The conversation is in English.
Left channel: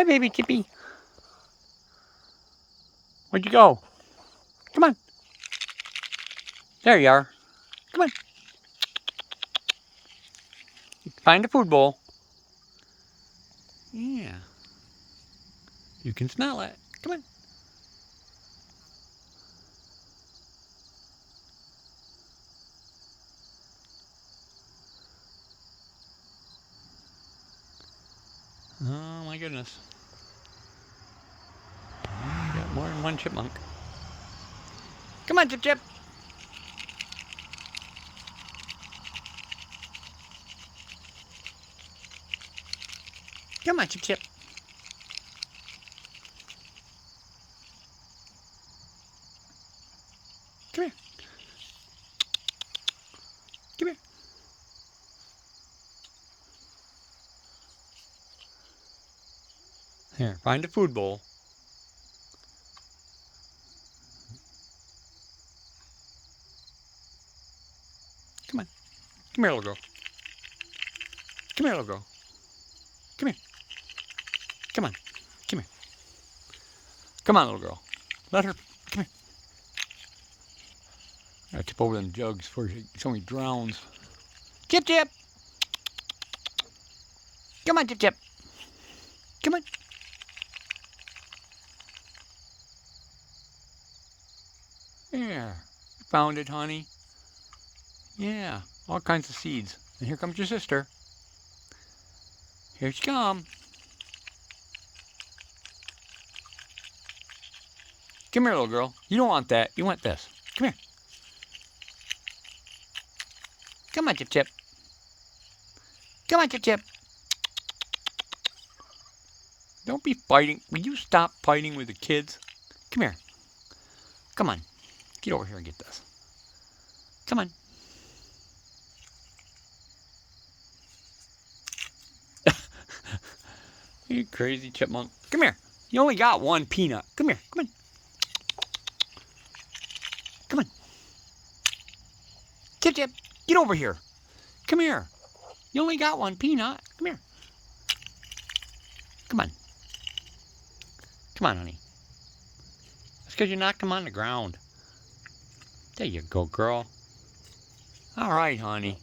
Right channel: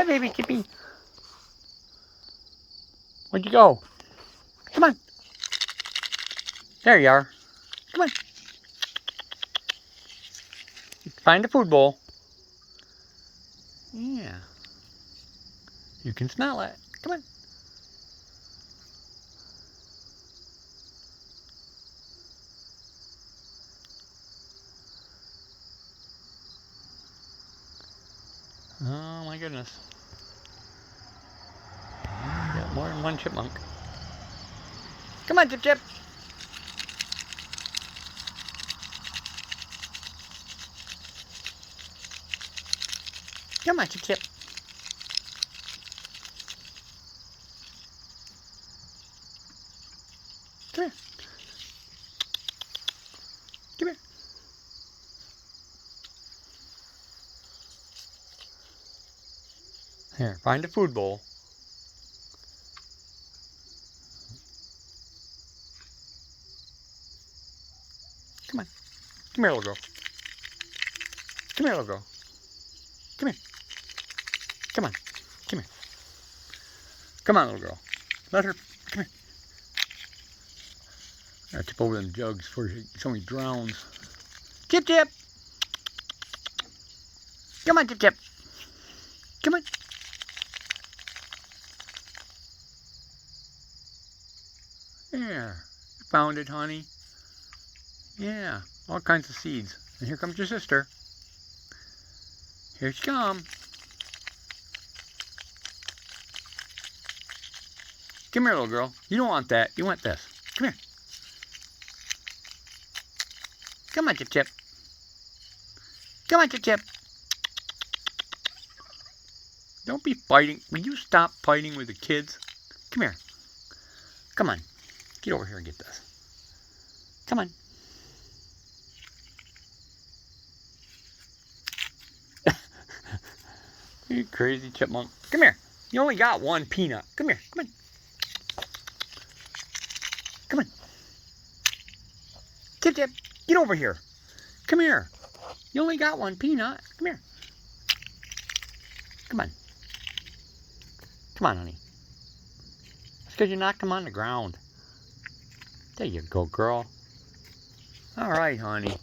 Hi, baby Chippy. Where'd you go? Come on. There you are. Come on. Find the food bowl. Yeah. You can smell it. Come on. Oh my goodness. Got more than one chipmunk. Come on, Chip Chip. Come on, Chip Chip. Come here. Come here. Here, find a food bowl. Come on. Come here, little girl. Come here, little girl. Come here. Come on. Come here. Come on, little girl. Let her. Come here. I gotta tip over them jugs before somebody drowns. Chip Chip! Come on, Chip Chip. Come on. Yeah. You found it, honey. Yeah. All kinds of seeds. And here comes your sister. Here she comes. Come here, little girl. You don't want that. You want this. Come here. Come on, Chip Chip. Come on, Chip Chip. Don't be fighting. Will you stop fighting with the kids? Come here. Come on. Get over here and get this. Come on. You crazy chipmunk. Come here. You only got one peanut. Come here. Come on. Come on. Chip Chip, get over here. Come here. You only got one peanut. Come here. Come on. Come on, honey. It's because you knocked him on the ground. There you go, girl. All right, honey.